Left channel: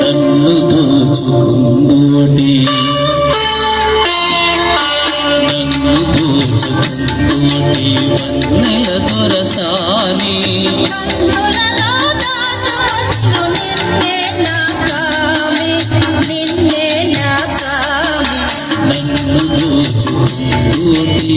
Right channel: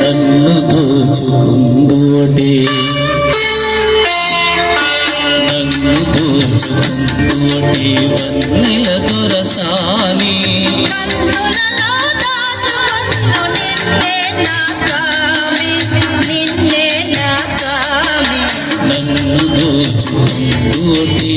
నన్ను దోచుకుందువటే వన్నెల దొరసాని నన్ను దోచుకుందువటే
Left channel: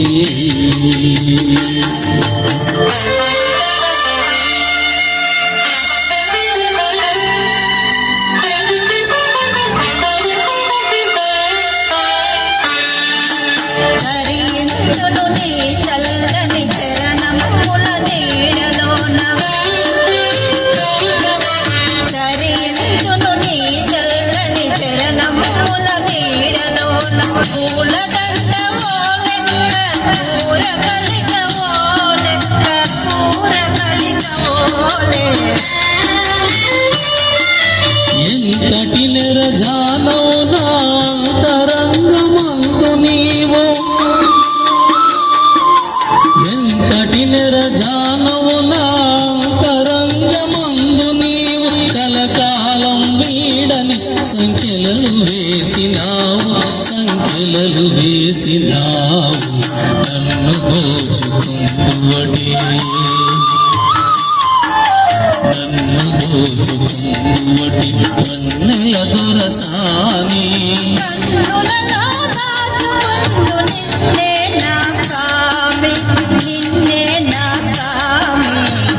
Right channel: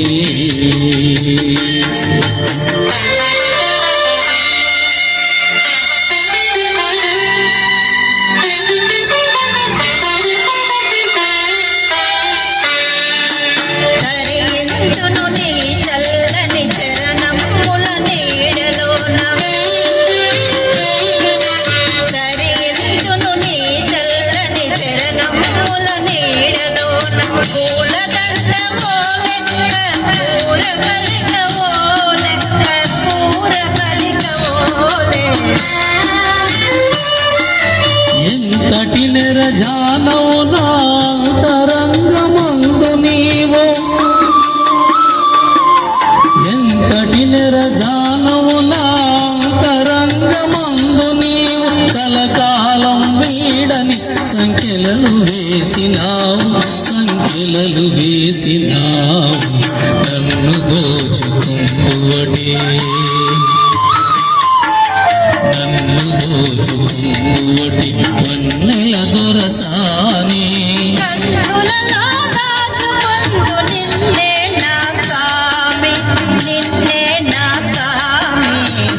ఇంతటి నిరజానో నా తరంగమందు నీవో ఎంతటి నిరజానవు నా తరంగమందు నీవు కలకాలం వీడని సంఖ్యలలు వేసినావు నన్ను దోచుకుందువటే వన్నెల దొరసాని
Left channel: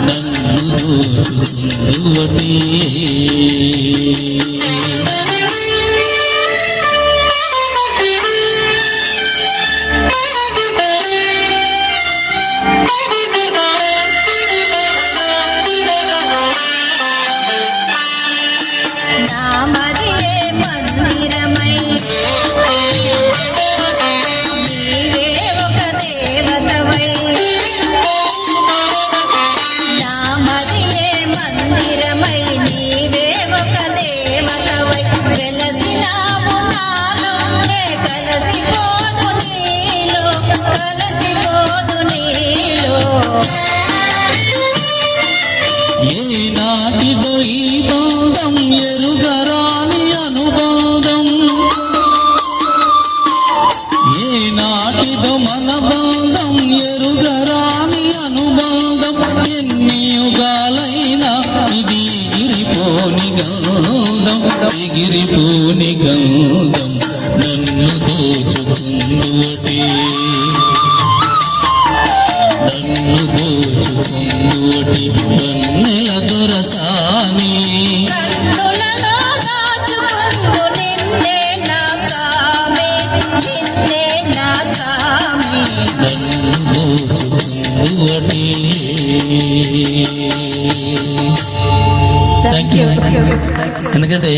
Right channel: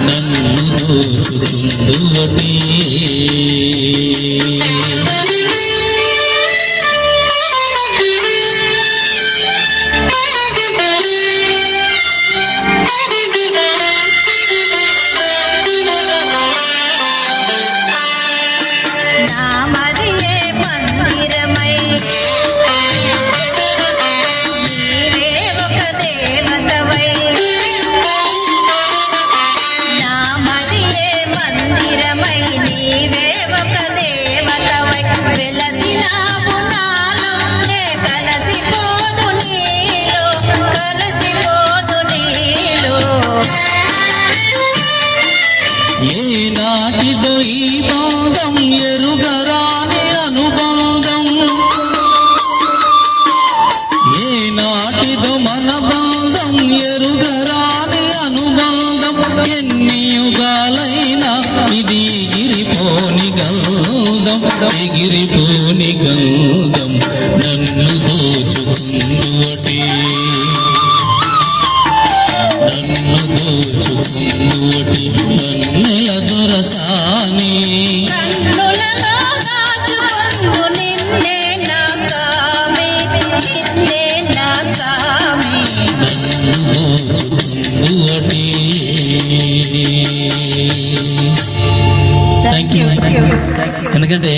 నన్ను దోచుకుందువటే ఏనాటిదో ఈ బంధం ఎరుగరాని అనుబంధం ఏనాటిదో మన బంధం ఎరుగరాని అనుబంధం ఎన్ని యుగాలైనా ఇది ఎగిరిపోని గంధం నన్ను దోచుకుందువటే వన్నెల దొరసాని నన్ను దోచుకుందువటే. Thank you. ఎందుకంటే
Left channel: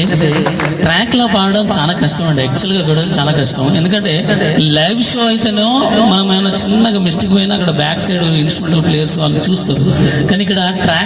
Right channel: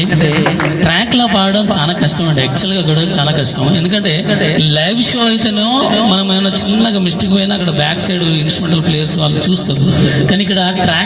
ట్రాక్ లో పాడడం చాలా కష్టం అండి, యాక్చువల్ గా కూడా చాలా కష్టం. ఎందుకంటే లైవ్ షో అయితేనో మనం ఏమైనా చిన్నగా మిస్టేక్ పోయినా అక్కడ బ్యాక్ సైడ్ ఇన్స్ట్రుమెంటల్ ప్లేయర్స్ వాళ్ళు చూస్తారు, కానీ ఇక్కడ ట్రాక్